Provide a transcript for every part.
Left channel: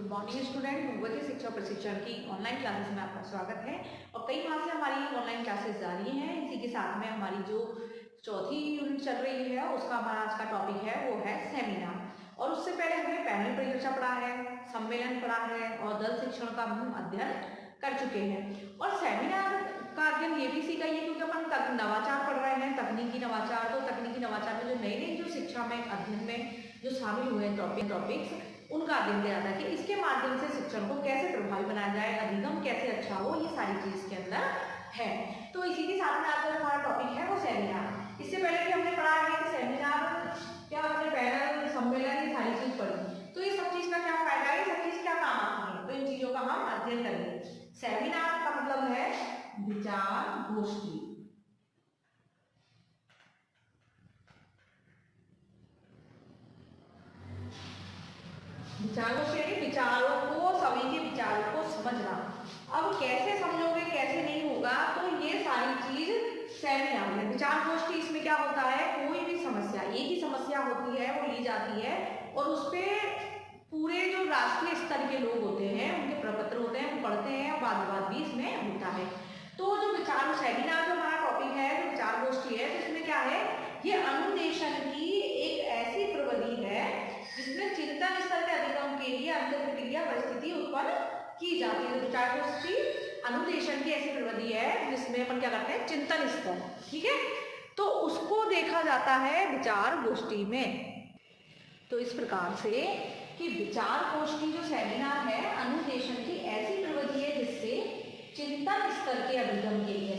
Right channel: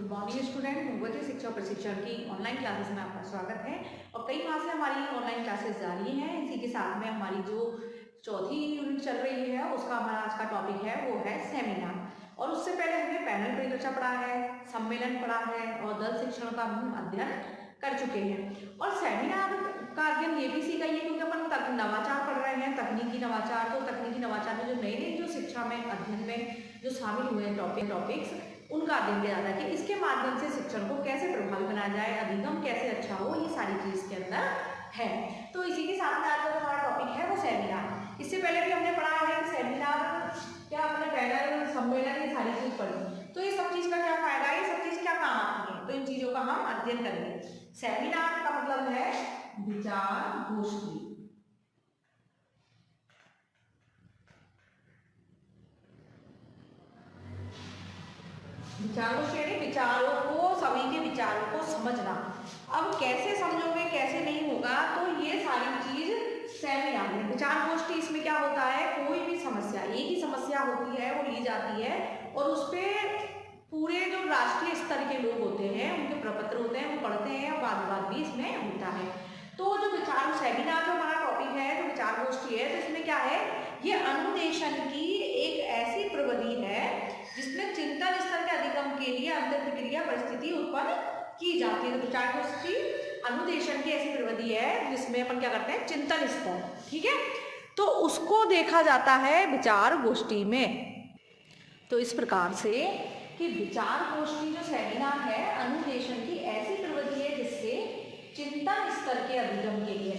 Good morning student. Bhagwati शिक्षा प्रशिक्षण की ऑनलाइन क्लासेस में आपका स्वागत है। और कई माह से हमारी ऑनलाइन क्लासेस जारी हैं। इसी के साथ में हमारी जो चौथी यूनिट चल रही है उसका हमारा आज का टॉपिक है वो है सेमिनार। और उससे पहले हमने पैनल परिचर्चा पढ़ा है, सम्मेलन पढ़ा है और दल शिक्षण का हम अध्ययन कर चुके हैं। और सेमिनार का अध्ययन ये भी सीखा है क्योंकि अपन नवाचार पढ़ रहे हैं, तकनीकी नवाचार। तो तकनीकी नवाचार में जो नई नई जो शिक्षा में अध्ययन में जो शामिल हुए हैं टॉपिक्स उनका अध्ययन किया जाता है कि इसके माध्यम से शिक्षण को कैसे प्रभावी बनाया जाए, अधिगम कैसे अच्छा हो, ये सारी चीज इसके अंदर है। तो इसी के साथ में आज जो हमारा टॉपिक है वो सेमिनार। इससे पहले भी हमने पढ़ा है कि सेमिनार क्या, अपने पैनल सम्मेलन ये सारी चीज पढ़ी। तो ये सब चीज का क्या फायदा है, ये सब चीज क्या काम आती है, तो इन चीजों का हम अध्ययन करेंगे। सेमिनार का मतलब है विचार गोष्ठी। विचार गोष्ठी विचारों को, सभी के विचारों को समझना। अब कैसे समझोगे, कैसे नहीं होगा, तो ये सारी चीज सेमिनार में। विचार गोष्ठी इसमें क्या होता है, कोई भी समस्या, एक ही समस्या होती है, वो ली जाती है और उस पर पूरे जो राष्ट्रीय स्तर के लोग होते हैं उनके प्रपत्र होते हैं, वो पढ़ते हैं और वाद विवाद भी इसमें होता है। तो जो विचार सेमिनार जो हमारा टॉपिक है, जो विचार गोष्ठी है, तो इसमें क्या है, ये अनुदेशन की एक ऐसी प्रविधि है जिसमें चिंतन स्तर के अधिगम के लिए अंतर प्रक्रिया परिस्थिति उत्पन्न की जाती है। विचार गोष्ठी अनुदेशन की ऐसी प्रविधि है जिसमें अपन क्या करते हैं, चिंतन स्तर, ठीक है, तो उसको देखा जाता है विचार गोष्ठी में। तो इस प्रकार से कि विचार गोष्ठी जो सेमिनार है अनुदेशन की ऐसी प्रविधि है जिससे चिंतन स्तर के अधिगम के लिए,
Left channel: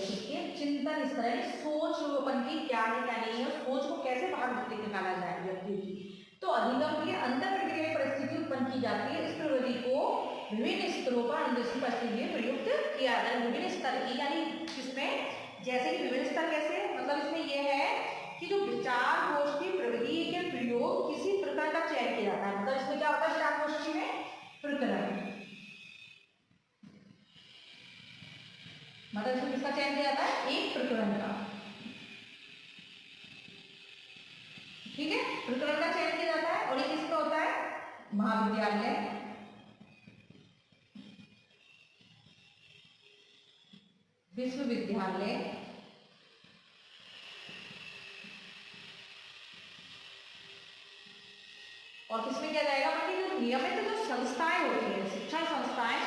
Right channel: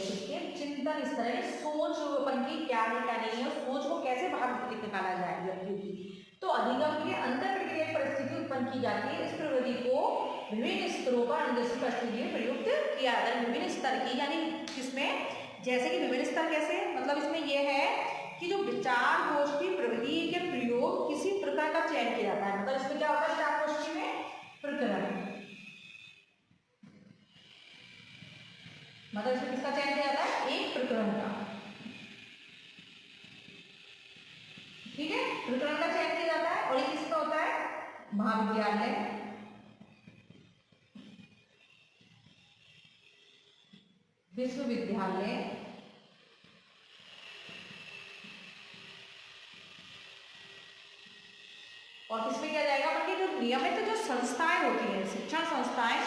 चिंतन स्तर है सोच अपन की क्या है क्या नहीं है, सोच को कैसे बाहर निकाला जाए व्यक्ति की, तो अधिगम की अंतर प्रक्रिया परिस्थिति उत्पन्न की जाती है। इस प्रविधि को विभिन्न स्तरों पर अनुदेशन परिस्थिति में प्रयुक्त किया जाता है। विभिन्न स्तर की यानी किसमें, जैसे कि विभिन्न स्तर कैसे, मतलब इसमें यह है कि जो विचार गोष्ठी प्रविधि के प्रयोग किसी प्रकार का चयन किया जाता है। मतलब इसमें क्या होता है, विचार गोष्ठी में प्रकरण, मतलब इसमें किसका चयन किया जाता है, एक प्रकरण का, ठीक है, प्रकरण का चयन किया जाता है। और ये किसका होता है, महाविद्यालय, विश्वविद्यालय, और किसमें किया जाएगा, बाकी जो नियमित जो संस्थाएं होती हैं, शिक्षण संस्थाएं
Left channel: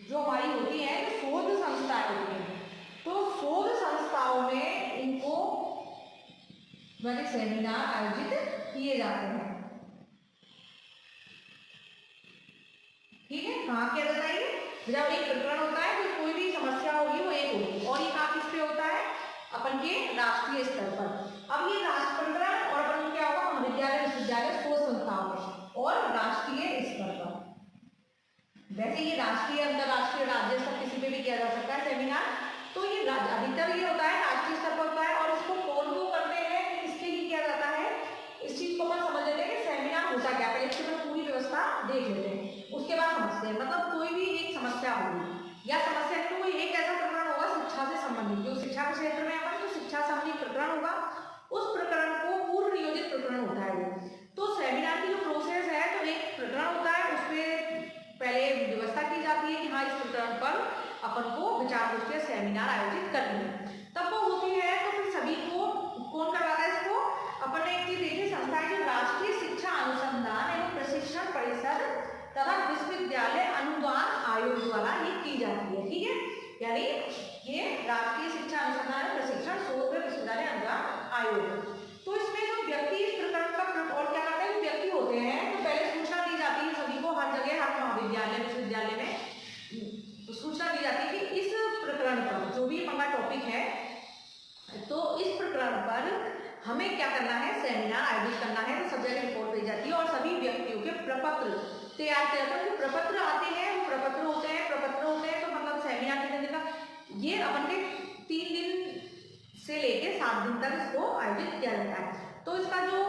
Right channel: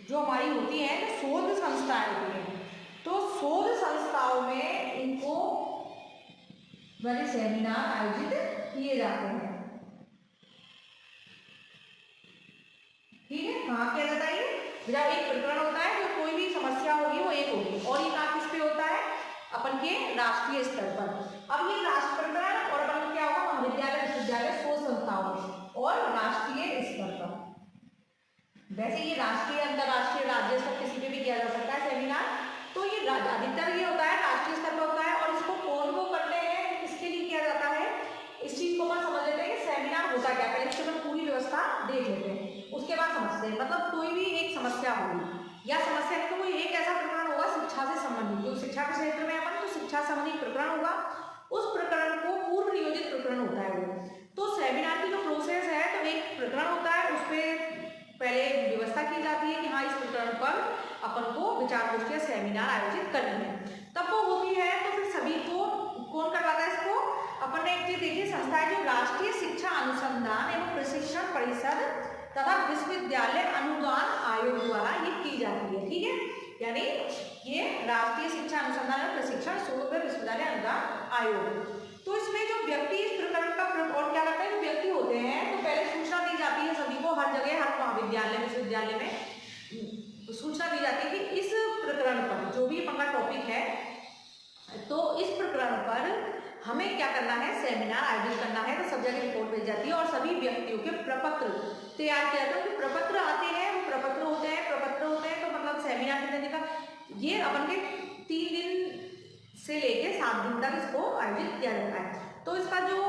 जो हमारी होती है, शोध संस्थाएं होती हैं, तो शोध संस्थाओं में इनको बड़े सेमिनार आयोजित किए जाते हैं, ठीक है। कहाँ किया जाता है, जब एक प्रकरण होता है, जो कोई भी समस्या होगी वो एक होगी, और ये कहाँ किस पे होता है, अपन के राष्ट्रीय स्तर पर। अब ये राष्ट्र प्रकरण और अपन क्या होगा, महाविद्यालय विश्वविद्यालय शोध संस्थाओं में और राष्ट्रीय स्तर पर। वैसे ये राष्ट्रीय, अंतरराष्ट्रीय, राज्य स्तर किसी पे भी किया जा सकता है सेमिनार। तो ये अधिकतर ये होता है राष्ट्रीय स्तर पर होता है। और इसको कौन को करते हैं, किसके लिए किया जाता है, इस चीज को अपन समझ लेते हैं कि सेमिनार होता क्या है। इसके बाद पूरी व्यवस्था देख लेते हैं, उसके बाद समझते हैं। मतलब कोई भी एक समस्या होगी या समस्या तो कोई एक ऐसा प्रकरण होगा शिक्षा से संबंधित, जो शिक्षा के क्षेत्र में अपन तो शिक्षा संबंधित प्रकरण होगा, उस प्रकरण को पूर्व नियोजित प्रकरण होता है वो। तो सेमिनार की जो प्रोसेस है, तो एक प्रकरण होता है, उस पर पहले व्यवस्था की जाती है कि हाँ इस प्रकरण पर अपन को विचार गोष्ठी सेमिनार आयोजित करनी है। तब वो होती है तो फिर सभी को कौन करवाता है इसको, अपन ने देखिए संस्था जो राष्ट्रीय शिक्षा अनुसंधान एवं प्रशिक्षण परिषद तथा विश्वविद्यालय अनुदान आयोग द्वारा ये की जाती है, ठीक है। यानी ये राष्ट्रीय शिक्षा अनुसंधान एवं प्रशिक्षण शोध विश्वविद्यालय अनुदान आयोग। तो इसमें जो व्यक्ति इस प्रकरण का और क्या करते हैं, व्यक्ति होते हैं, तो पहले सूचना दी जाती है सभी को, हर जगह, हर महाविद्यालय विश्वविद्यालय में सूचना दी जाती है कि इस प्रकरण पर जो भी हमारा टॉपिक है, तो इस प्रकरण पर हमें क्या करना है, सेमिनार आयोजित करना है। तो सब जगह रिपोर्ट भेज जाती है और सभी व्यक्तियों के प्रपत्र तैयार किया जाता है। जो प्रपत्र आते हैं वो प्रपत्र होते हैं, तो मतलब सेमिनार के देने का ये अपन के 3 दिन से लेके 7 दिन तक इसको आयोजित किया जाता है। तो इसका जो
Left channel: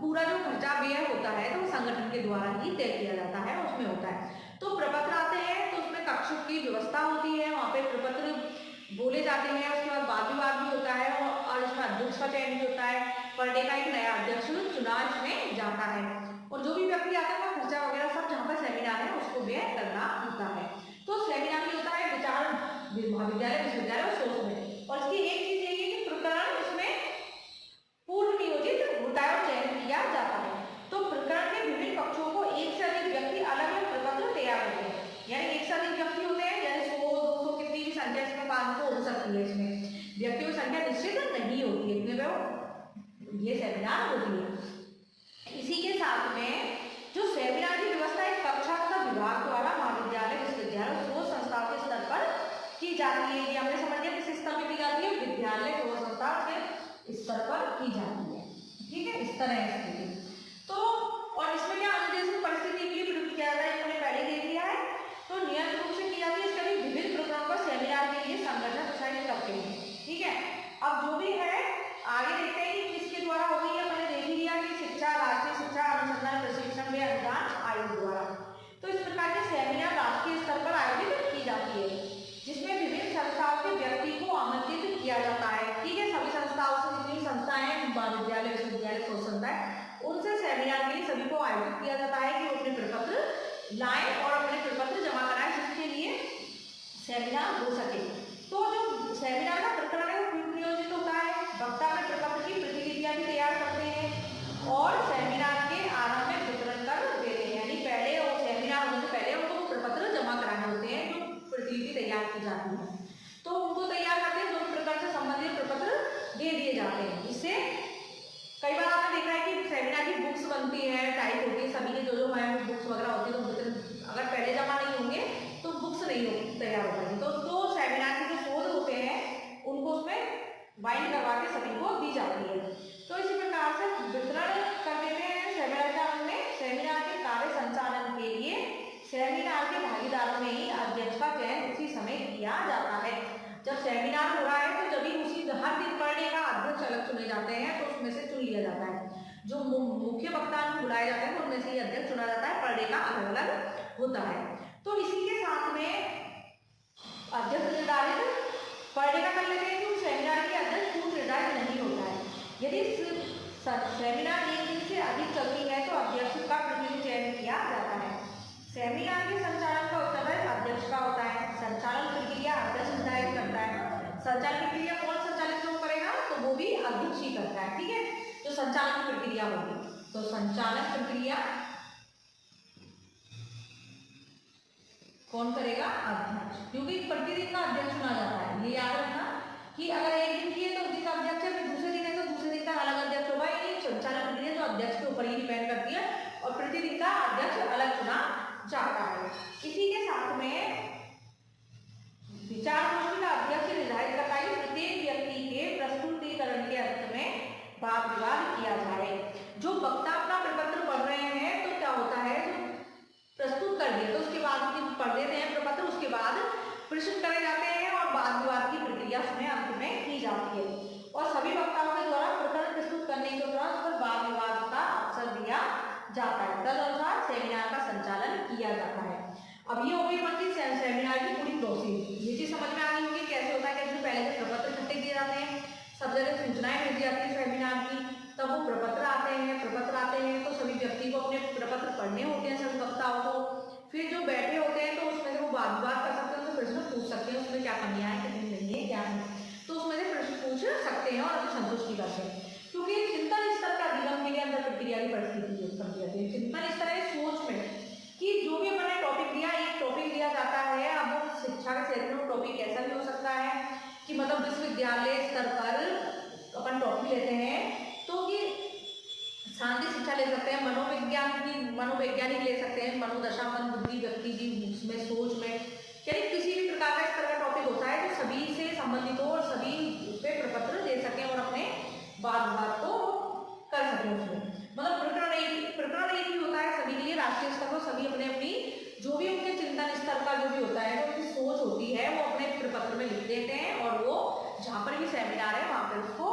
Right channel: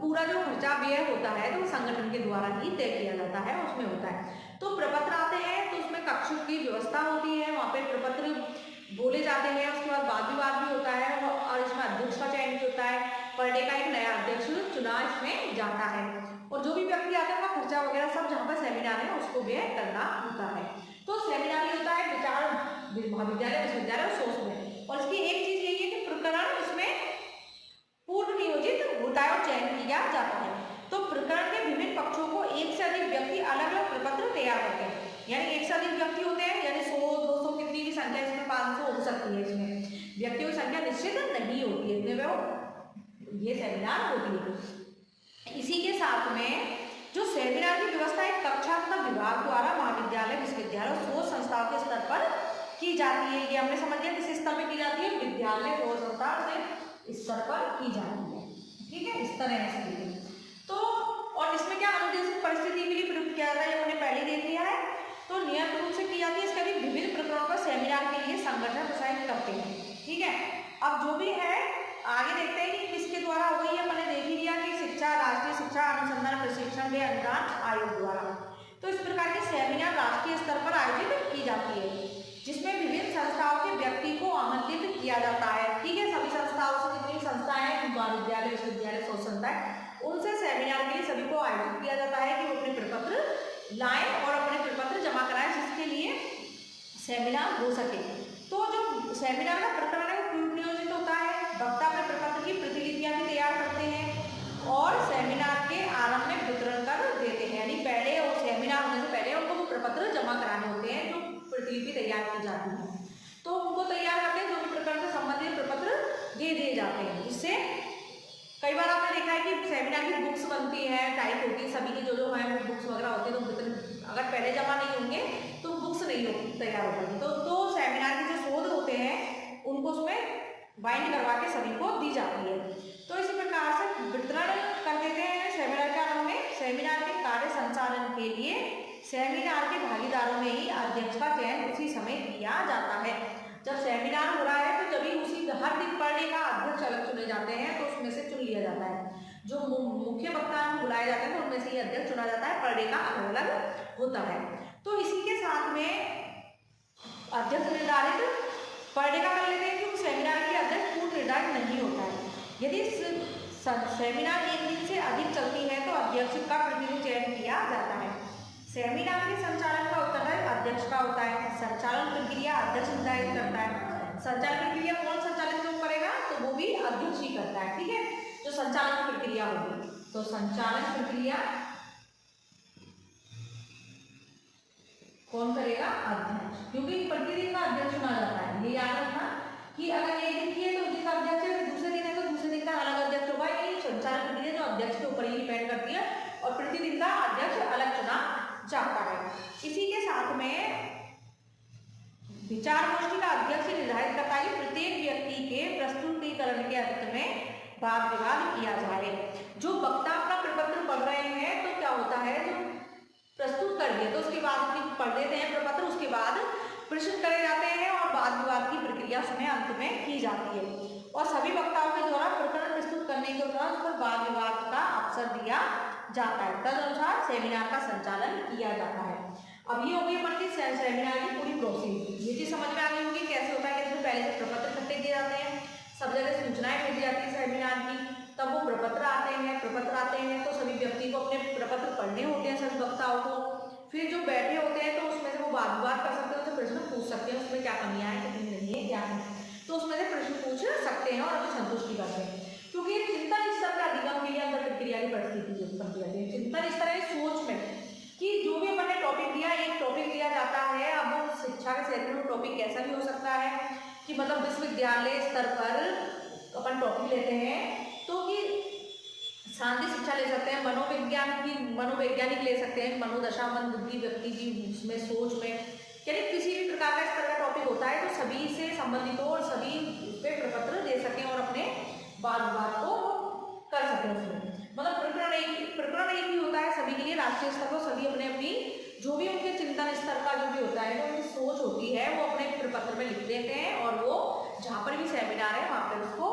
पूरा जो खर्चा व्यय होता है तो संगठन के द्वारा ही तय किया जाता है, उसमें होता है। तो प्रपत्र आते हैं, तो उसमें कक्षों की व्यवस्था होती है, वहाँ पे प्रपत्र बोले जाते हैं, उसके बाद वाद विवाद भी होता है और इसमें अध्यक्ष का चयन भी होता है। पर डे का एक नया अध्यक्ष चुना इसमें जाता है और जो भी व्यक्ति आते हैं वह खर्चा वगैरह सब जहाँ पर सेमिनार है उसको व्यय करना होता है। तो सेमिनार ही होता है विचार महाविद्यालय विश्वविद्यालय और शोध में। और इसकी एक चीज यही है कि प्रकरण उसमें पूर्व नियोजित घोटाला और चयन किया जाता है। तो प्रकरण के विभिन्न पक्षों को एक से अधिक व्यक्ति अलग अलग प्रपत्र तैयार करते हैं, यानी एक से अधिक व्यक्ति होते हैं, यानी 100 200 कितनी भी संख्या इसमें 500 हो सकती है, इसमें व्यक्तियों की संख्या निश्चित नहीं होती है, इतने में ये सेमिनार होती है। इसी के साथ में जो सेमिनार की व्यवस्था है कक्षा तथा विभाग द्वारा महाविद्यालय विश्वविद्यालय शोध संस्थाओं के स्तर पर की जाती है। ये हमने समझ लिया किस स्तर पर की जाती है, विद्यालय शोध संस्था के स्तर पर की जाती है, ठीक है, इस तरह है। तो और इसमें क्या अनुदेशित परिस्थिति के लिए प्रयुक्त किया जाता है, हमने पहले देख लिया है। तो नियमित रूप से की जाती है, इसके लिए विभिन्न प्रकरणों पर सेमिनार के लिए संगठन प्रोत्साहित करते हैं, ठीक है। अब जो भी है आगे देखते हैं कि किसके द्वारा हो गई है, मैंने देख ही लिया कि शिक्षा राष्ट्रीय शिक्षा अनुसंधान प्रशिक्षण व अनुदान आयोग द्वारा। तो इस प्रकार के सेमिनार राष्ट्रीय स्तर पर आयोजित की जाती है, जिसमें विभिन्न संस्थाओं के व्यक्ति को आमंत्रित किया जाता है, ठीक है। सभी संस्थाओं से जितनी संस्थाएं हैं, महाविद्यालय विश्वविद्यालय शोध संस्थाएं, उनसे सेमिनार के लिए सभी को आयोजित किया जाता है कि वो अपने प्रपत्र लाएं और अपने प्रपत्र जमा कराएं, जिसके लिए सेमिनार हो सके। तो जो सेमिनार का प्रकरण है वो पूर्व नियोजित होता है, वक्ता अपने प्रपत्र की प्रतिलिपियां भी तैयार करते हैं और सेमिनार के आरंभ में वितरण कर देते हैं, यानी पहले और सेमिनार होने से पहले उनको वो प्रपत्र जमा कराने होते हैं, जो प्रतिलिपि तैयार की जाती है। तो उनको तैयार करके जो प्रकरण से संबंधित प्रपत्र दे दिए जाते हैं। इससे कई बार आपने देखा है कि सेमिनार की बुक्स बनती हैं, टाइप होती है, सभी के जो है बुक्स वगैरह होती है, तो अगर पहले जमा नहीं होंगे तो बुक्स नहीं होगी, तैयार हो पाएगी। तो सेमिनार के जो शोध होते हैं उनको उसमें बाइंड करवा के सभी को दी जाती है। तो इसी प्रकार से वितरण कर देते हैं सेमिनार के आरंभ में। सेमिनार के कार्य संचालन के लिए सेमिनार के भागीदारों में ही अध्यक्ष का चयन उसी समय किया जाता है। जब सेमिनार हो रहा है तो जब उसी हर दिन पर डे का अध्यक्ष अलग चुने जाते हैं, तो उसमें से चुन लिया जाता है। जो मुख्य वक्ता बुलाए जाते हैं उनमें से ही अध्यक्ष चुना जाता है, पर डे का अलग अलग होता है। तो इसी के साथ में अध्यक्ष निर्धारित पर डे का कर लेते हैं, क्योंकि सेमिनार के अध्यक्ष पूर्व निर्धारित नहीं होता है। यदि सेमिनार एक दिन से अधिक चलती है तो अध्यक्ष का प्रतिनिधि चयन किया जाता है। सेमिनार के संचालन का उत्तरदायित्व अध्यक्ष का होता है। संचालन प्रक्रिया अध्यक्ष निर्धारित करता है। संचालन प्रक्रिया कौन संचालित क्यों करेगा, तो वो भी अध्यक्ष ही करता है, ठीक है। जो संचालन प्रक्रिया होगी, तो संचालन प्रक्रिया कौन करेगा, अध्यक्ष, क्योंकि प्रतिदिन का अध्यक्ष चुना जाता है। ये याद रखना कि अगर एक दिन की है तो उस दिन का अध्यक्ष है, फिर दूसरे दिन है तो दूसरे दिन का अलग अध्यक्ष होगा। ये संचालन प्रक्रिया जो अध्यक्ष के ऊपर ही डिपेंड करती है और प्रतिदिन का अध्यक्ष अलग चुना जाता है। इसी के साथ में विचार गोष्ठी का अध्यक्ष निर्धारित करता है कि प्रत्येक व्यक्ति के प्रस्तुतिकरण के अंत में वाद विवाद किया जाए। जो वक्ता अपना प्रपत्र पढ़ रहे हैं तो क्या होता है, जो प्रस्तुत कर दिया तो उसके बाद पढ़ लेते हैं प्रपत्र, उसके बाद प्रश्न करे जाते हैं और वाद विवाद की प्रक्रिया उसमें अंत में की जाती है। और सभी वक्ताओं के द्वारा प्रकरण प्रस्तुत करने के दौरान उस पर वाद विवाद का अवसर दिया जाता है। तदनुसार सेमिनार का संचालन किया जाता है। अब ये हो गई बाकी सेमिनार की पूरी प्रोसेस, ये चीज समझ में आ गई होगी कैसे होता है। जैसे पहले से प्रपत्र इकट्ठे किए जाते हैं, सब जगह सूचनाएं भेजी जाती है सेमिनार की, तब वो प्रपत्र आते हैं तो सभी व्यक्ति को अपने प्रपत्र पढ़ने होते हैं, सभी वक्ताओं को। फिर जो बैठे होते हैं तो उसमें से वो वाद विवाद कर सकते हैं, उससे प्रश्न पूछ सकते हैं, उसमें क्या कमियां हैं कितनी नहीं है क्या है, तो उसमें से प्रश्न पूछ सकते हैं और अपनी संतुष्टि करते हैं। क्योंकि चिंतन स्तर का अधिगम के लिए अंदर प्रक्रिया की परिस्थिति उत्पन्न की जाती है। चिंतन स्तर है सोच में कि जो भी अपने टॉपिक दिया, एक टॉपिक दिया जाता है, अब वो शिक्षा के क्षेत्र में टॉपिक कैसा भी हो सकता है कि मतलब विश्वविद्यालय स्तर पर अपन टॉपिक लेते हैं तो कि शांति शिक्षा ले सकते हैं, मनोवैज्ञानिक ले सकते हैं, मनोदशा मन बुद्धि व्यक्ति की उसमें सोच में, यानी किसी भी प्रकार का इस तरह का टॉपिक होता है तो सभी से संबंधित हो और सभी उस पर प्रपत्र दे सकते हैं और अपने वाद विवाद को कर सकते हैं उसमें। मतलब प्रकरण एक ही होता है सभी के लिए, राष्ट्रीय स्तर पर सभी अपने अपनी जो भी उनके चिंतन स्तर का जो भी होता है, जो उनकी सोच होती है वो अपने प्रपत्र में लिख देते हैं और वो जहाँ पर भी सेमिनार है वहाँ पर उसको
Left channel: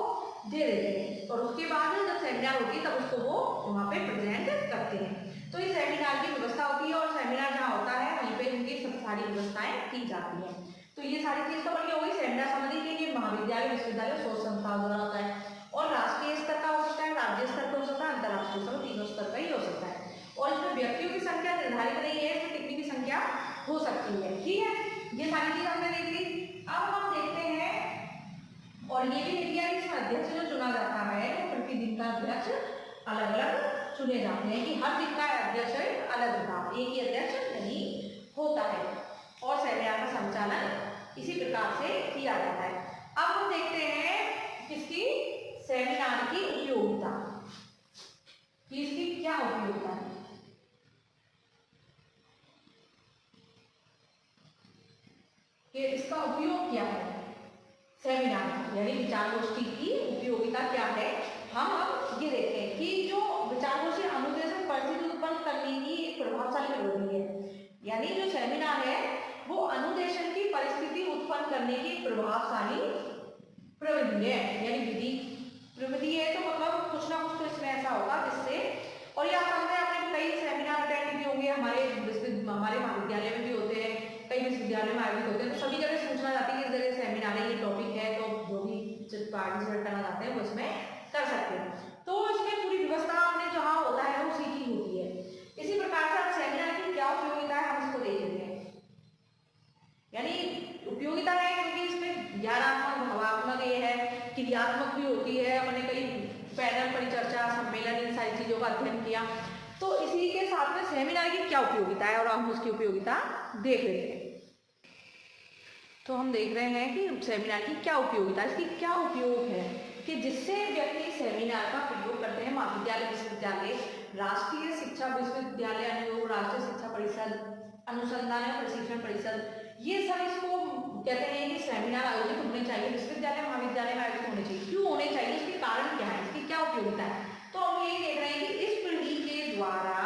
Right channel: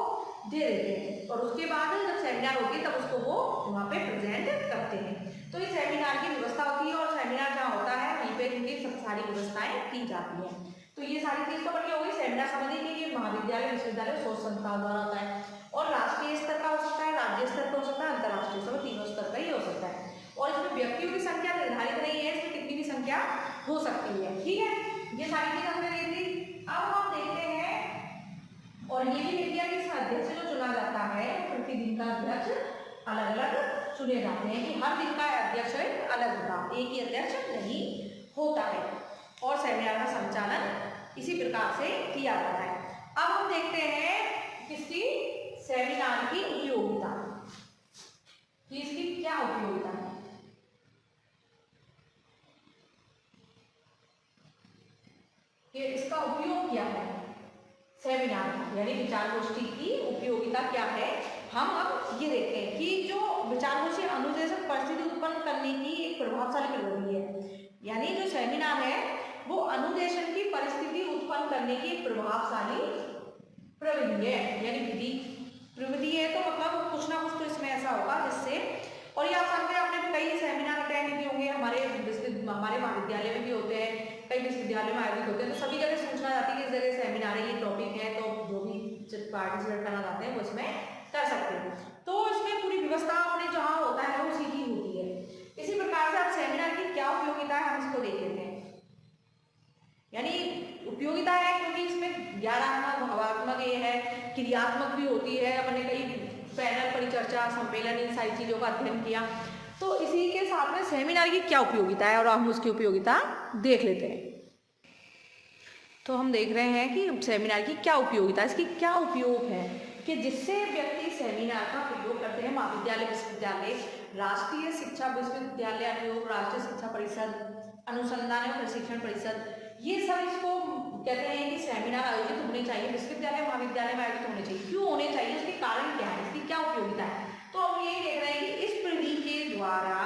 दे देते हैं। और उसके बाद जब सेमिनार होती है तब उसको वो वहाँ पे प्रेजेंट करते हैं। तो ये सेमिनार की व्यवस्था होती है और सेमिनार जहाँ होता है वहीं पे उनकी सब सारी व्यवस्थाएं की जाती हैं। तो ये सारी चीज़ तो बनी होगी। सेमिनार समझ लीजिए कि महाविद्यालय विश्वविद्यालय शोध संस्थाओं द्वारा होता है और राष्ट्रीय स्तर का हो सकता है, राज्य स्तर का हो सकता है, अंतर्राष्ट्रीय स्तर, तीनों स्तर का ही हो सकता है। और इसमें व्यक्तियों की संख्या निर्धारित नहीं है, इसमें कितनी भी संख्या हो सकती है। ठीक है, ये सारी चीज हमने देख ली। अब हम देखते हैं और ये भी लिख लिया कि इसमें अध्यक्ष जो चुना जाता है वो प्रतिदिन का अध्यक्ष अलग अलग चुने जाते हैं, कि हर दिन का अध्यक्ष अलग होता, एक ही अध्यक्ष नहीं होता है। और सेमिनार का संचालन इसी प्रकार से किया जाता है। अब हम देखते हैं किसकी, सेमिनार की उपयोगिता, कि इसकी क्या उपयोगिता है। कि इसका उपयोग क्या है, सेमिनार यानी विचार गोष्ठी की उपयोगिता क्या है। हम अब ये देखते हैं कि जो विचार गोष्ठी अनुदेशन परिस्थिति उत्पन्न करने की एक प्रभावशाली प्रविधि है, यानी जो सेमिनार है वो अनुदेशन की परिस्थिति उत्पन्न करने की एक प्रभावशाली प्रविधि है, यानी प्रविधि है तो मतलब कुछ ना कुछ तो इसमें ऐसा होगा जिससे, और ये आपने कई सेमिनार अटेंड किए होंगे, हमारे महाविद्यालय में भी होते हैं, कई विश्वविद्यालय में आयोजित होते हैं, तो सभी जगह सूचना जाती है कि इस जगह सेमिनार ये टॉपिक है, तो जो भी पार्टिसिपेट करना चाहते हैं वो इसमें कर सकते हैं। तो इसमें पूरी व्यवस्था आपने जहाँ होता है वो सीखी होती है। इसी प्रकार से अब सेमिनार की क्या उपयोगिता है हम इसको देख लेते हैं। यानी उपयोगिता है क्योंकि इसमें ज्ञानात्मक, भावात्मक ये है, क्रियात्मक भी होती है। मैंने कई पैनल, परिचर्चा, सम्मेलन, इन सारी चीजों का अध्ययन किया। तो इसी के साथ में सेमिनार की क्या उपयोगिता है और हम उसकी उपयोगिता देख लेते हैं। तो हम देख रहे हैं कि सेमिनार की क्या उपयोगिता, इसकी क्या उपयोग है, कि जिससे व्यक्ति सेमिनार का प्रयोग करते हैं महाविद्यालय, विश्वविद्यालय, राष्ट्रीय शिक्षा विश्वविद्यालय अनुयोग, राष्ट्रीय शिक्षा परिषद, अनुसंधान और प्रशिक्षण परिषद, ये सब इसको कहते हैं कि सेमिनार आयोजित होने चाहिए, विश्वविद्यालय महाविद्यालय में आयोजित होने चाहिए। क्यों होने चाहिए, इसके कारण क्या है, इसकी क्या उपयोगिता है। तो हम यही देख रहे हैं कि इस प्रविधि के द्वारा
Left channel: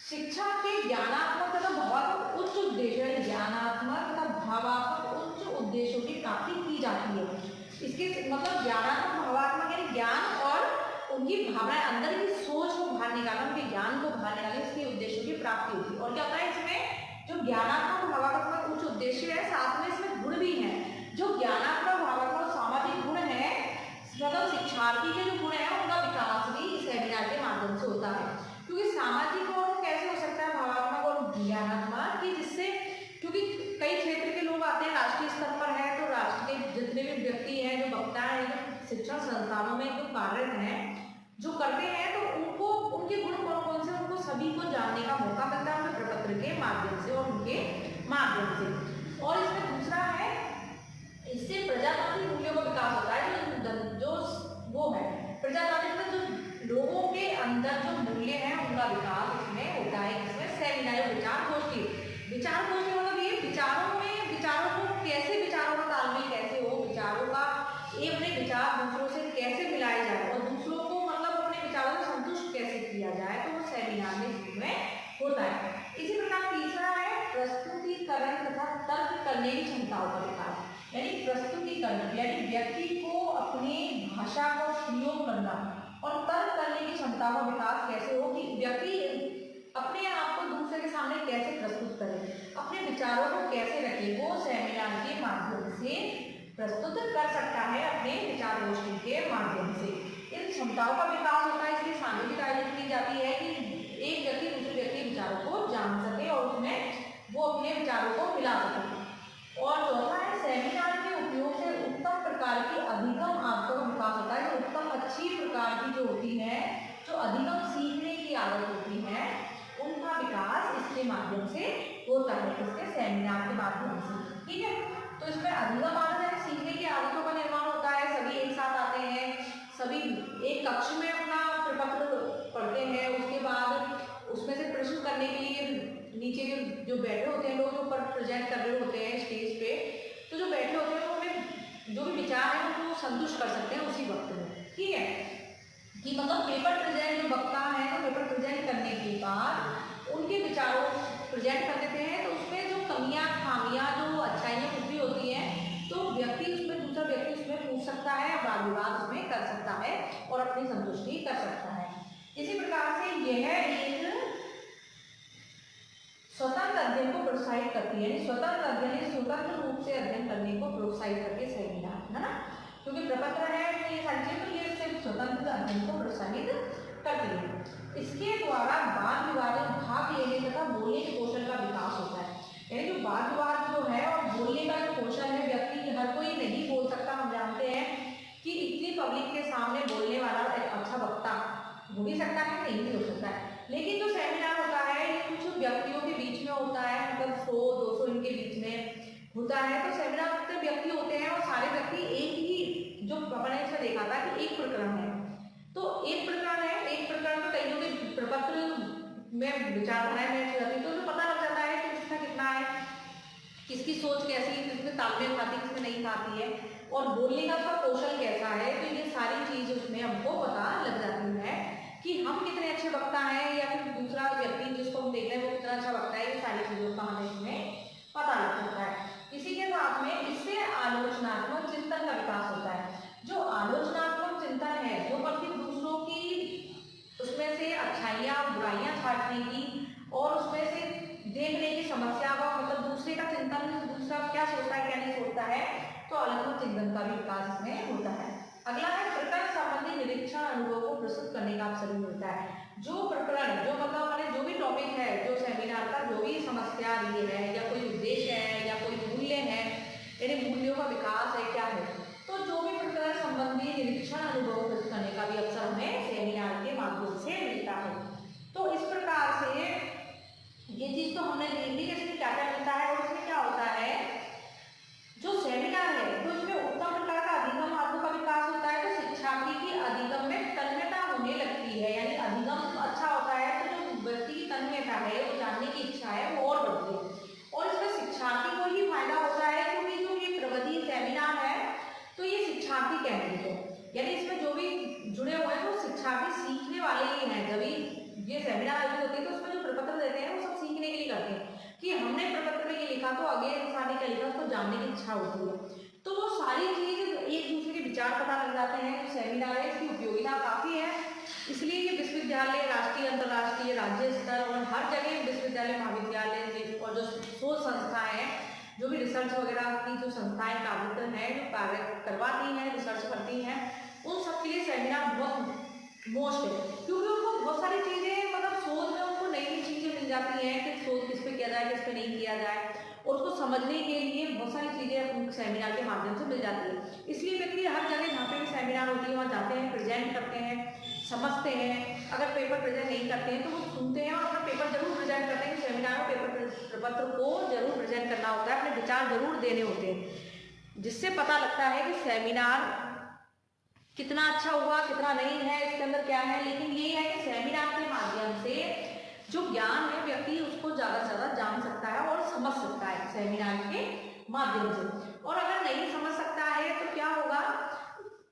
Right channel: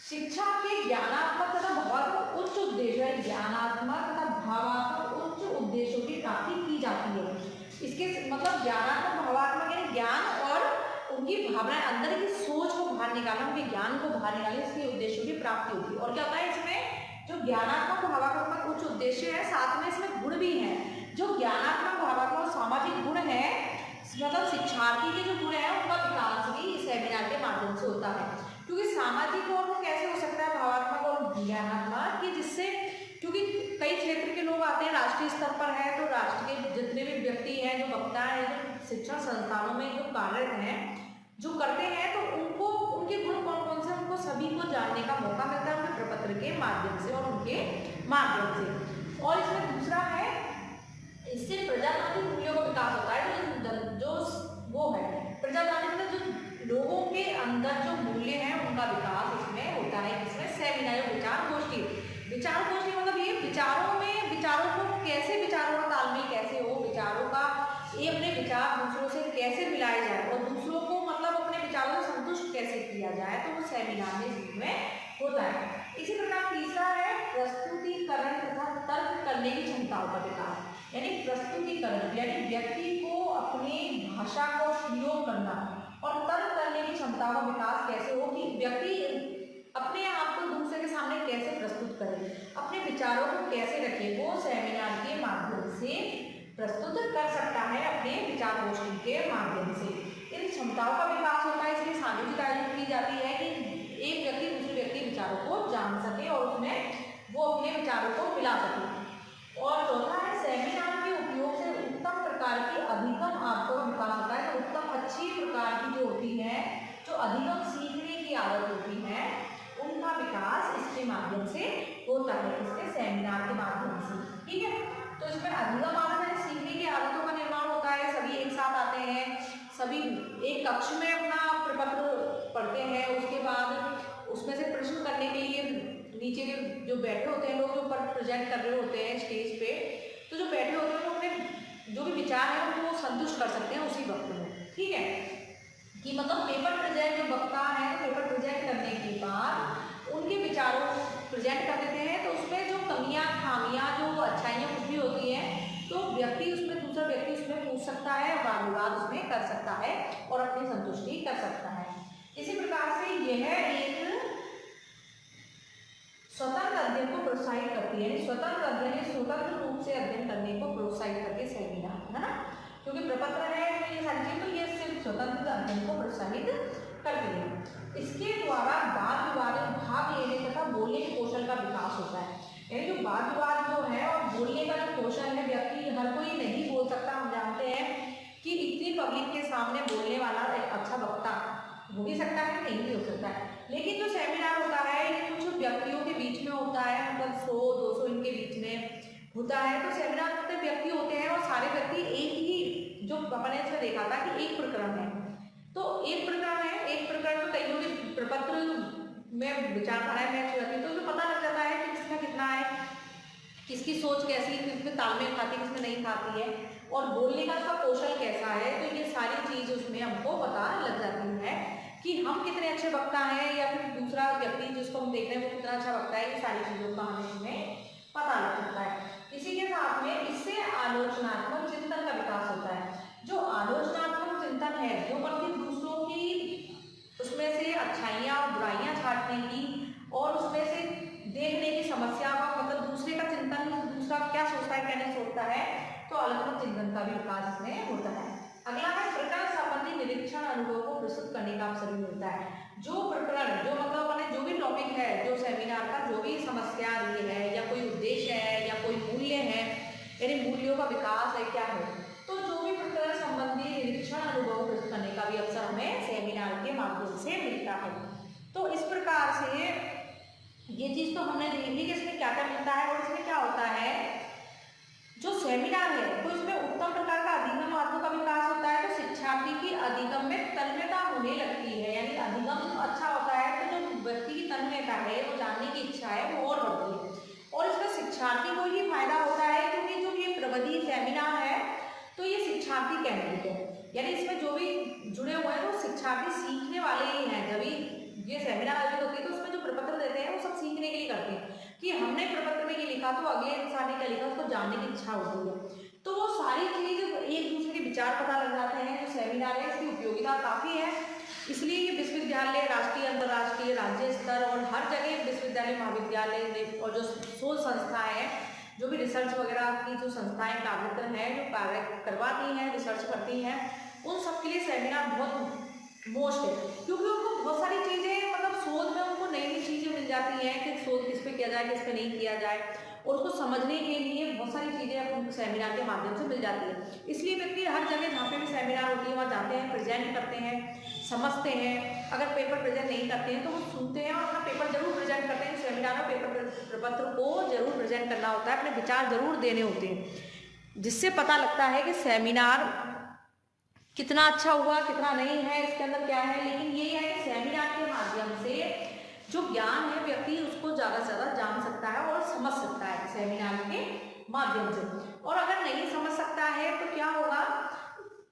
शिक्षा के ज्ञानात्मक तथा भावात्मक उच्च उद्देश्य, ज्ञानात्मक तथा भावात्मक उच्च उद्देश्यों की प्राप्ति की जाती है। इसके मतलब ज्ञानात्मक, भावात्मक है ज्ञान और उनकी भावनाएं, अंदर की सोच को बाहर निकालना, उनके ज्ञान को बाहर निकालने, इसके उद्देश्यों की प्राप्ति होती है। और क्या होता है इसमें जो ज्ञानात्मक, भावात्मक उच्च उद्देश्य है, साथ में इसमें गुण भी है। जो ज्ञानात्मक, भावात्मक और सामाजिक गुण है, मतलब शिक्षार्थी के जो गुण है उनका विकास भी इस सेमिनार के माध्यम से होता है। क्योंकि सामाजिक और कैसे हो सकता है, भावात्मक और ज्ञानात्मक, कि जिससे, क्योंकि कई क्षेत्र के लोग आते हैं, राष्ट्रीय स्तर पर है तो राष्ट्र के जितने भी व्यक्ति हैं, जो वक्ता है, जो शिक्षण संस्थानों में जो कार्यरत हैं, जो करते हैं, तो उनको उनके गुण कौन कौन से, उनको सभी को जानने का मौका मिलता है उनके प्रपत्र के माध्यम से और उनके माध्यम से। और इसमें दूसरा है, इससे प्रजातांत्रिक मूल्यों का विकास होता है। जो वो है प्रजातांत्रिक, जो लोगों के अंदर जो मूल्य हैं उनका विकास इसमें होता है। इसमें सेमिनार, विचार गोष्ठी, विचार गोष्ठी मतलब ये विचारों में, विचारों को कैसे, विचारों का तालमेल कैसे हो, विचारों का ये अपने विचार दूसरों से कैसे मिलाए जाए और दूसरों को मतलब अपने विचारों को संतुष्ट कैसे किया जाए, तो वो सेमिनार में होता है। इसी प्रकार तीसरा है प्रस्तुतिकरण तथा तर्क करने की क्षमताओं का विकास। यानी प्रस्तुतिकरण यानी व्यक्ति को अपनी भाषा को प्रयोग करना और तर्क करने की क्षमता का विकास कैसे हो, कि व्यक्ति अपने आप को दूसरे के सामने कैसे प्रस्तुत करे, अपने विचारों को कैसे रखे, वो सेमिनार के माध्यम से प्रस्तुत कर सकता है, अपने विचार गोष्ठी के माध्यम से। इन क्षमताओं का विकास होता है, इसलिए सामूहिक आयोजन की जाती है कि एक व्यक्ति दूसरे व्यक्ति विचारों को जान सके और उसमें वो अपने विचारों को मिला सके। और चौथा है, सेमिनार के उपयोग से उत्तम प्रकार की अधिगम आदतों का विकास होता है। तो उत्तम, अच्छी प्रकार की जो होती है, जो अधिगम सीखने की आदत होती है, उनका विकास इसके माध्यम से होता है, इसके सेमिनार के माध्यम से। ठीक है, तो इसमें अधिगम आदत है, सीखने की आदतों का निर्माण होता है। सभी एक साथ आते हैं, सभी एक कक्ष में अपना प्रपत्र पढ़ते हैं, उसके बाद उसमें से प्रश्न करने के लिए नीचे जो बैठे होते हैं लोग, जो ऊपर प्रेजेंट कर रहे होते हैं स्टेज पे, तो जो बैठे होते हैं वो अपने जो भी विचार है उनको संतुष्ट कर सकते हैं उसी वक्त में। ठीक है, कि मतलब पेपर प्रेजेंट, जो वक्ता है तो पेपर प्रेजेंट करने के बाद उनके विचारों प्रेजेंट कर देते हैं, तो उसमें जो कमियां, खामियां, जो अच्छाइयाँ कुछ भी होती हैं, तो व्यक्ति उसमें, दूसरा व्यक्ति उसमें पूछ सकता है, वाद विवाद उसमें कर सकता है और अपनी संतुष्टि कर सकता है। इसी प्रकार से यह एक स्वतंत्र अध्ययन को प्रोत्साहित करती है, स्वतंत्र अध्ययन, स्वतंत्र रूप से अध्ययन करने को प्रोत्साहित करती है सेमिनार, है ना, क्योंकि प्रपत्र है ये सारी चीजें, तो ये सिर्फ स्वतंत्र अध्ययन को प्रोत्साहित करती है। इसके द्वारा वाद विवाद में भाग लेने तथा बोलने के कौशल का विकास होता है। यानी जो वाद विवाद जो है और बोलने का जो कौशल है, व्यक्ति हर कोई नहीं बोल सकता। हम जानते हैं कि इतनी पब्लिक के सामने बोलने वाला एक अच्छा वक्ता हो भी सकता है, नहीं भी हो सकता है। लेकिन जो सेमिनार होता है कुछ व्यक्तियों के बीच में होता है, मतलब 100-200 इनके बीच में होता है। तो सेमिनार में व्यक्ति होते हैं और सारे व्यक्ति एक ही, जो अपने से देखा था कि एक प्रकरण है, तो एक प्रकरण है, एक प्रकरण तो कईयों के प्रपत्र में विचारधारा में रहती, तो पता लग जाता है कि किसका कितना है, किसकी सोच कैसी है, किसमें तालमेल खाती है, किसमें नहीं खाती है, और बोलने का उसका कौशल कैसा है। तो ये सारी चीज उसमें हमको पता लग जाती है कि हम कितने अच्छे वक्ता हैं, या फिर दूसरा व्यक्ति जिसको हम देख रहे हैं वो कितना अच्छा वक्ता है। ये सारी चीजों का हमें इसमें पता लग सकता है। इसी के साथ में इससे आलोचनात्मक चिंतन का विकास होता है। जो आलोचनात्मक चिंतन है वो मतलब दूसरों की उसमें से अच्छाइयाँ और बुराइयाँ छांटने की और उसमें से देखने की समस्या का, मतलब दूसरे का चिंतन, दूसरा क्या सोचता है क्या नहीं सोचता है, तो आलोचनात्मक चिंतन का भी विकास इसमें होता है। अगला है प्रकरण संबंधी निरीक्षण अनुभव को प्रस्तुत करने का अवसर मिलता है। जो प्रकरण, जो मतलब अपने जो भी टॉपिक है, जो सेमिनार का जो भी समस्या आ रही है या कोई उद्देश्य है या कोई मूल्य है, यानी मूल्यों का विकास है क्या है, तो जो भी प्रकरण संबंधी निरीक्षण अनुभव प्रस्तुत करने का भी अवसर हमें सेमिनार के माध्यम से मिलता है। तो इस प्रकार से ये चीज तो हमने देख ली कि इसमें क्या क्या मिलता है। और इसमें क्या होता है, जो सेमिनार है तो इसमें उत्तम प्रकार का अधिगम मार्गों का विकास होता है। तो शिक्षार्थी की अधिगम में तन्मयता होने लगती है, यानी अधिगम अच्छा होता है तो जो व्यक्ति की तन्मयता है, वो जानने की इच्छा है, वो और बढ़ती है। और इसमें शिक्षार्थी को ही फायदा होता है, क्योंकि जो ये प्रविधि सेमिनार है तो ये शिक्षार्थी केंद्रित है, यानी इसमें जो भी जुड़े हुए हैं वो शिक्षार्थी सीखने वाले ही हैं। जब ये सेमिनार आयोजित होते हैं तो उसमें जो प्रपत्र देते हैं वो सब सीखने के लिए करते हैं कि हमने प्रपत्र में ये लिखा तो अगले इंसान ने क्या लिखा, उसको जानने की इच्छा होती है। तो वो सारी चीज एक दूसरे के विचार पता लग जाते हैं। जो सेमिनार है इसकी उपयोगिता काफी है, इसलिए ये विश्वविद्यालय, राष्ट्रीय, अंतर्राष्ट्रीय, राज्य स्तर और हर जगह विश्वविद्यालय, महाविद्यालय और जो शोध संस्थाएं हैं, जो भी रिसर्च वगैरह की जो संस्थाएं कार्यक्रम है जो कार्य करवाती हैं, रिसर्च करती हैं, उन सबके लिए सेमिनार बहुत मोस्ट है। क्योंकि उनको बहुत सारी चीजें, मतलब शोध में उनको नई नई चीजें मिल जाती हैं कि शोध किस पे किया जाए, किस पे नहीं किया जाए, और उसको समझने के लिए बहुत सारी चीजें उनको सेमिनार के माध्यम से मिल जाती है। इसलिए व्यक्ति हर जगह जहाँ पे भी सेमिनार होती है वहाँ जाते हैं, प्रेजेंट करते हैं, समझते हैं। अगर पेपर प्रेजेंट नहीं करते हैं तो वो सुनते हैं और अपना पेपर जरूर प्रेजेंट करते हैं। सेमिनार में पेपर प्रपत्र को जरूर प्रेजेंट करना होता है, अपने विचार जरूर देने होते हैं, जिससे पता लगता है कि सेमिनार कितना अच्छा हुआ, कितना नहीं है, इसके अंदर क्या है। लेकिन ये है कि सेमिनार के माध्यम से जो ज्ञान है व्यक्ति उसको ज़्यादा से ज़्यादा जान सकता है और समझ सकता है सेमिनार के माध्यम से। और अगर नहीं समझ सकता है तो क्या होगा,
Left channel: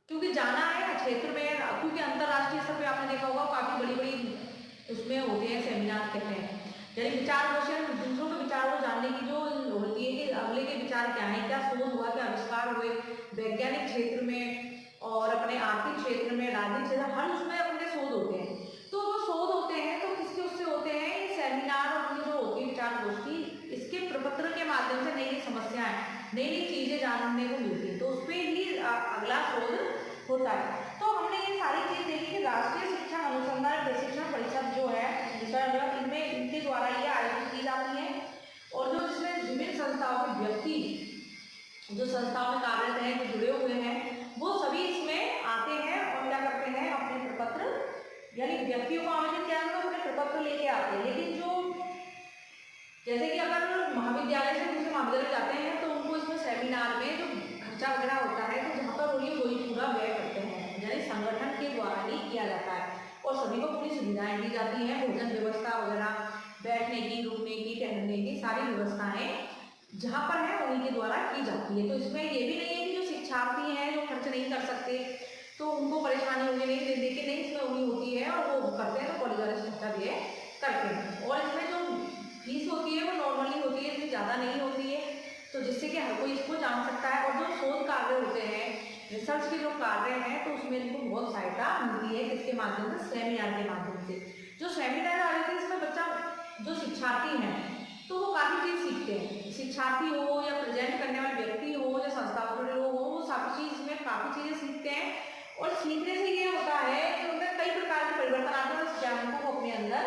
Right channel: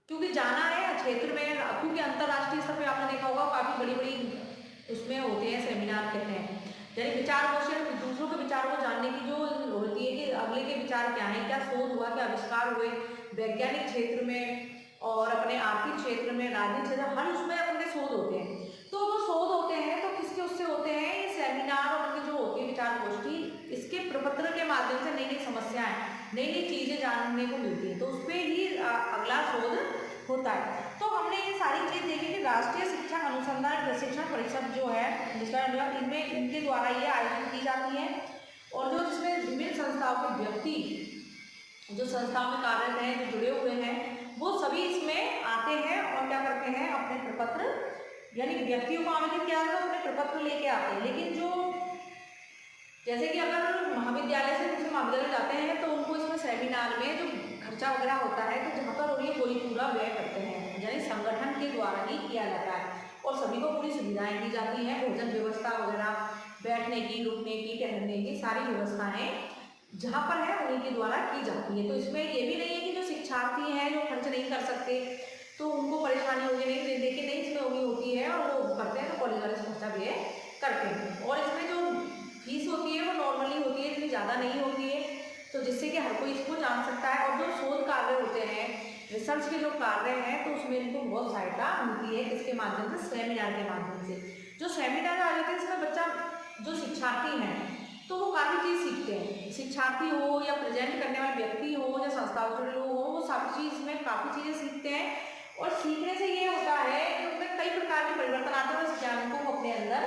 क्योंकि जाना है क्षेत्र में, क्योंकि अंतर्राष्ट्रीय स्तर पर आपने देखा होगा काफ़ी बड़ी बड़ी उसमें होते हैं सेमिनार कहते हैं, यानी विचार कौशल, दूसरों के विचार को जानने की जो होती है कि अगले के विचार क्या है, क्या शोध हुआ, क्या आविष्कार हुए वैज्ञानिक क्षेत्र में और अपने आर्थिक क्षेत्र में, राजनीतिक क्षेत्र, हर उसमें अपने शोध होते हैं। तो वो शोध होते हैं तो किसके उससे होते हैं, ये सेमिनार और जो होती है विचार गोष्ठी, इसके प्रपत्र के माध्यम से नई नई समस्याएं, नई नई चीजें जानने को मिलती है, तो उस पर ही अगला शोध होता है। तो हमने ये सारी चीज देखी कि राष्ट्रीय शिक्षा अनुसंधान प्रशिक्षण परिषद जो है, इनमें इनके द्वारा ये आयोजित की जाती है। और जो इसमें विभिन्न संस्थाओं के व्यक्ति जो संस्थाओं में कार्यरत हैं, जो जुड़े हुए हैं, वो सभी इसमें आते हैं और क्या करते हैं, अपने प्रपत्र, यानी व्यक्तियों को आमंत्रित किया जाता है, अपने प्रपत्र लेके आते हैं। लेकिन जो जैसे कि अगर महाविद्यालय से दूसरे महाविद्यालय जाते हैं तो उनको इसमें सेमिनार में जो खर्चा वगैरह होता है तो जहाँ पर उन्हें वही पूरा व्यय करते हैं, यानी संगठन के द्वारा ही किया जाता है और सभी को पूरी सुविधाएं दी जाती हैं, भोजन व्यवस्था वगैरह, बैठने की, रुकने की, ठहरने की सारी व्यवस्थाएं जहाँ पर है उन्हीं के द्वारा की जाती है। तो इसमें ये भी नहीं है कि जो शिक्षार्थी हैं जो खर्च नहीं कर सकते तो उनको परेशानी होगी, नहीं दे के नहीं, इसमें उम्मीद होती है और वो करते हैं तो कॉलेज वाले खर्चा भी करते हैं। और इसमें जो फीस होती है वो नॉर्मली होती है, इतनी ज़्यादा नहीं होती है, तो जिससे कि हर कोई इसको जान सकता है। और जो शोध कार्य होते हैं, रिसर्च के जो कार्य हैं, तो उसमें इनको बहुत सहायता मिलती है, इसके माध्यम से, सेमिनार के माध्यम से। जो सेमिनार आ जाते हैं इसमें बच्चा, जो शिक्षार्थी हैं तो वो काफ़ी चीज़ सीखते हैं, शिक्षार्थी हो या प्रेजेंट करने वाले व्यक्ति हो या संस्थाओं के लोग हो, वो सारी चीज़ इसमें काफ़ी चीज़ें सीखते हैं और सीखने से ये होता है कि उनमें कई प्रकार के परिवर्तन आते हैं और ज्ञान को अपने अंदर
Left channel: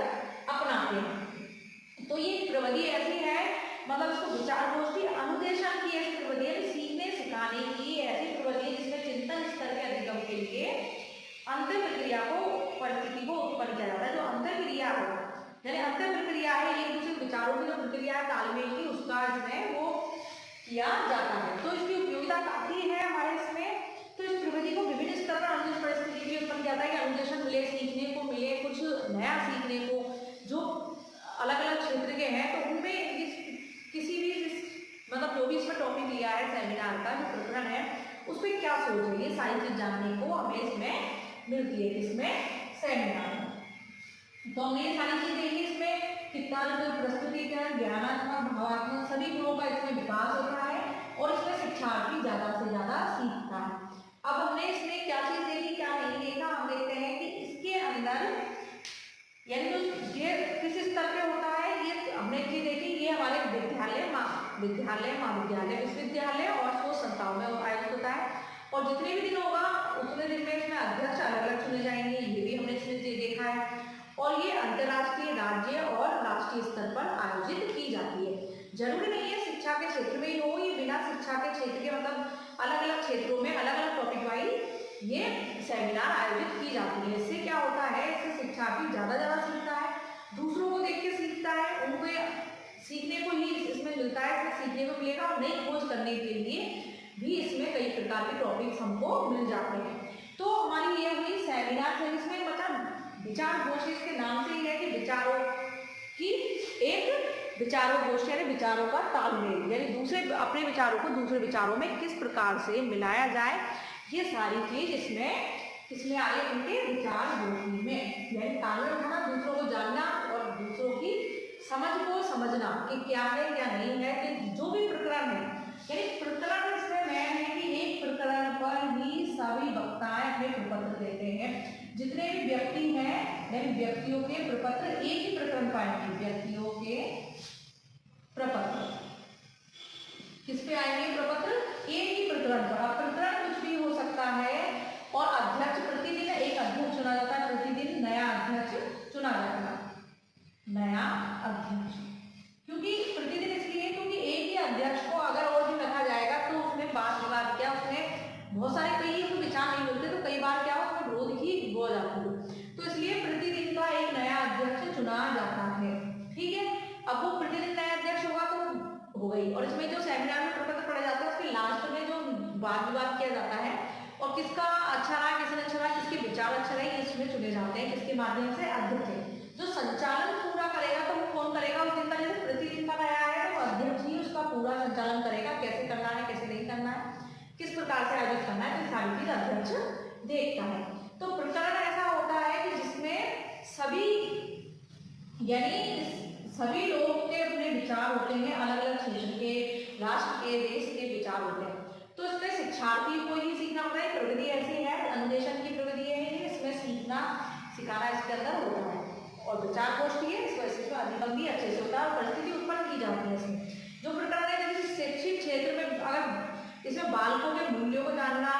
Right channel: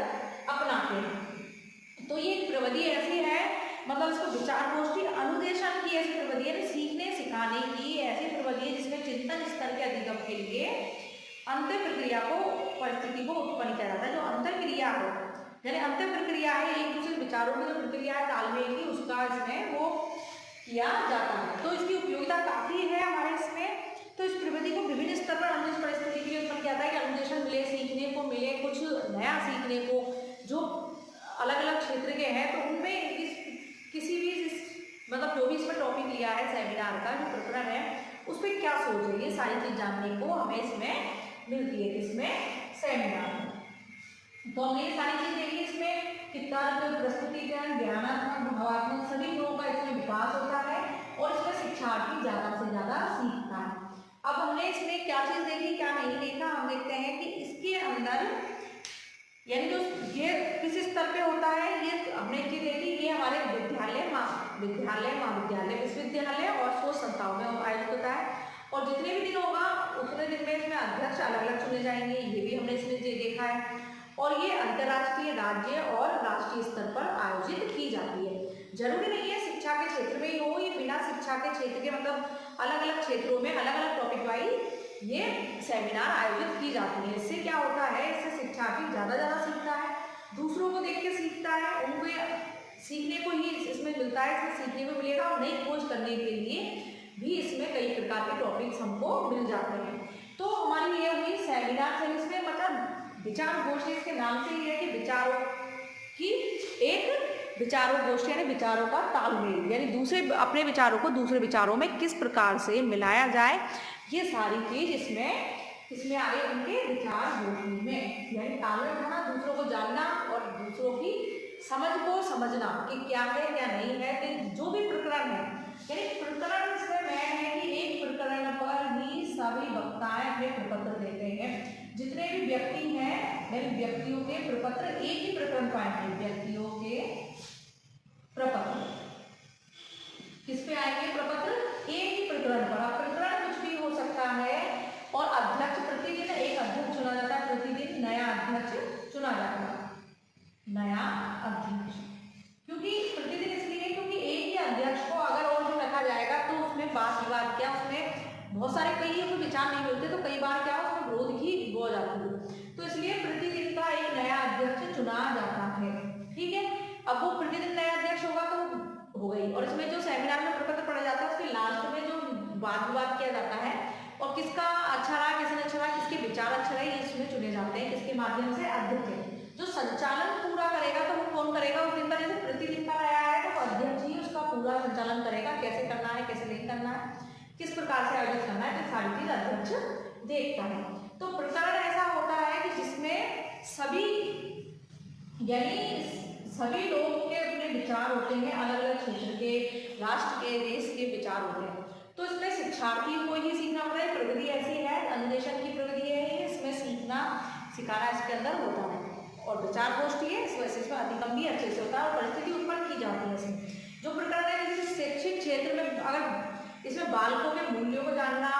अपनाते हैं। तो ये प्रविधि ऐसी है, मतलब इसको विचार गोष्ठी अनुदेशन की ऐसी प्रविधि है, सीखने सिखाने की ऐसी प्रविधि है जिसमें चिंतन स्तर के अधिगम के लिए अंत्य प्रक्रिया को परिस्थिति को उत्पन्न किया जाता है। जो अंत्य क्रिया है यानी अंत्य प्रक्रिया है, एक दूसरे विचारों की जो प्रक्रिया है तालमेल की, उसका इसमें वो किया जाता है। तो इसकी उपयोगिता काफी है हमारे इसमें। तो इस प्रविधि को विभिन्न स्तर पर अनुदेश परिस्थिति के लिए उत्पन्न किया जाता है कि अनुदेशन मिले, सीखने को मिले, कुछ नया सीखने को, जो अलग अलग क्षेत्र के हैं। तो उनमें किसी भी मतलब जो भी इसमें टॉपिक दिया है सेमिनार का जो प्रकरण है उस पर क्या सोच है, ये सारी चीज जानने को हमें इसमें मिलती है, किसमें, सेमिनार में। तो हमने ये सारी चीज देखी, इसमें कितना प्रस्तुतिकरण, ज्ञानात्मक, भावात्मक सभी गुणों का इसमें विकास होता है और इसमें शिक्षार्थी ज्यादा से ज्यादा सीखता है। अब हमने इसमें क्या चीज देखी, क्या नहीं देखा, हम देखते हैं कि इसके अंदर यानी जो ये किस स्तर पे होता है, ये हमने ये देखी, ये हमारे विद्यालय, महाविद्यालय, विश्वविद्यालय और शोध संस्थाओं में आयोजित होता है। और जितने भी दिन होगा उतने दिन में इसमें अध्यक्ष अलग अलग चुने जाएंगे, ये भी हमने इसमें देखा है। और ये अंतर्राष्ट्रीय, राज्य और राष्ट्रीय स्तर पर आयोजित की जाती है। जरूरी नहीं है शिक्षा के क्षेत्र में ही हो, ये बिना शिक्षा के क्षेत्र के मतलब अलग अलग क्षेत्रों में अलग अलग टॉपिक वाइज ये सेमिनार आयोजित की जाती है। इससे क्या होता है, इससे शिक्षार्थी ज़्यादा सीखता है, दूसरों को देख के सीखता है, उनको सीखने को ही इसमें मिलता है, इसमें सीखने को मिलेगा और नई खोज करने के लिए भी इसमें कई प्रकार के टॉपिक्स हमको मिल जाते हैं। तो हमारी ये हुई सेमिनार से, इसमें मतलब विचार गोष्ठी, इसके नाम से ही है कि विचारों की एक विचारों गोष्ठी यानी विचारों का तालमेल, यानी दूसरे अपने विचारों को दूसरे विचारों में किस प्रकार से मिलाया जाए, ये सारी चीज इसमें आगे उनके विचार गोष्ठी में, यानी तालमेल बनाना, दूसरों को जानना और दूसरों की समझ को समझना कि क्या है क्या नहीं है। कि जो भी प्रकरण है, यानी प्रकरण इसमें मैन है कि एक प्रकरण पर ही सभी वक्ताएं अपने प्रपत्र देते हैं। जितने भी व्यक्ति हैं यानी व्यक्तियों के प्रपत्र एक ही प्रकरण पाएंगे, व्यक्तियों के प्रपत्र किस पे आएंगे, प्रपत्र एक ही प्रकरण पर। अब प्रकरण कुछ भी हो सकता है और अध्यक्ष प्रतिदिन एक अध्यक्ष चुना जाता है, प्रतिदिन नया अध्यक्ष चुना जाता है, नया अध्यक्ष। क्योंकि प्रतिदिन इसलिए क्योंकि एक ही अध्यक्ष को अगर और दिन रखा जाएगा तो उसमें बात विवाद क्या, उसमें बहुत सारे कई विचार नहीं होते, तो कई बार क्या उसमें विरोध ही हो जाती है। तो इसलिए प्रतिदिन का एक नया अध्यक्ष चुना जाता है। ठीक है, अब वो प्रतिदिन नया अध्यक्ष होगा तो हो गई। और इसमें जो सेमिनार में प्रपत्र पढ़ा जाता है उसके लास्ट में जो वाद विवाद किया जाता है और किसका अच्छा रहा, किसने अच्छा रहा, किसके विचार अच्छा रहे, इसमें चुने जाते हैं। इसके माध्यम से अध्यक्ष जो संचालन पूरा करेगा, तो वो कौन करेगा उस दिन का, जैसे प्रतिदिन का नया है तो अध्यक्ष ही उसका पूरा संचालन करेगा, कैसे करना है कैसे नहीं करना है, किस प्रकार से आयोजित करना है, तो सारी चीज अध्यक्ष देखता है। तो प्रकरण ऐसा होता है कि जिसमें सभी यानी सभी लोगों के अपने विचार होते हैं, अलग अलग क्षेत्र के, राष्ट्र के, देश के विचार होते हैं। तो इसमें शिक्षार्थी को ही सीखना पड़ता है। प्रविधि ऐसी है, अन्वेषण की प्रविधि है, इसमें सीखना सिखाना इसके अंदर होता है। और विचार गोष्ठी है, इस वजह से इसमें अधिगम भी अच्छे से होता है और परिस्थिति उत्पन्न की जाती है। इसमें जो प्रकरण है जैसे शैक्षिक क्षेत्र में, अगर इसमें बालकों के मूल्यों को जानना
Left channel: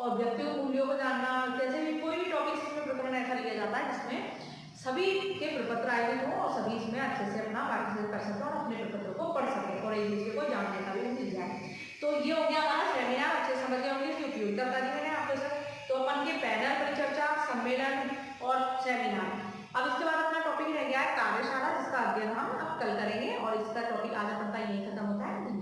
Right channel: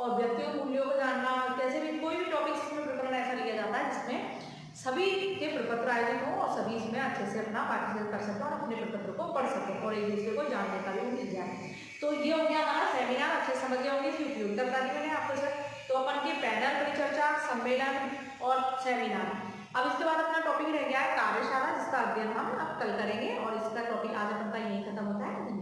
और व्यक्तियों के मूल्यों को जानना, जैसे भी कोई भी टॉपिक इसमें प्रकरण ऐसा लिया जाता है जिसमें सभी के प्रपत्र आयोजित हो और सभी इसमें अच्छे से अपना पार्टिसिपेट कर सकते हैं और अपने प्रपत्र को पढ़ सकते हैं और एक दूसरे को जानने का भी मिल जाए। तो ये हो गया हमारा सेमिनार, अच्छे समझ गए होंगे, इसकी उपयोगिता बता दी मैंने आपको सर। तो अपन के पैनल परिचर्चा, सम्मेलन और सेमिनार। अब इसके बाद अपना टॉपिक रह गया है कार्यशाला, जिसका अध्ययन हम अब कल करेंगे और इसका टॉपिक आज अपन का यही खत्म होता है।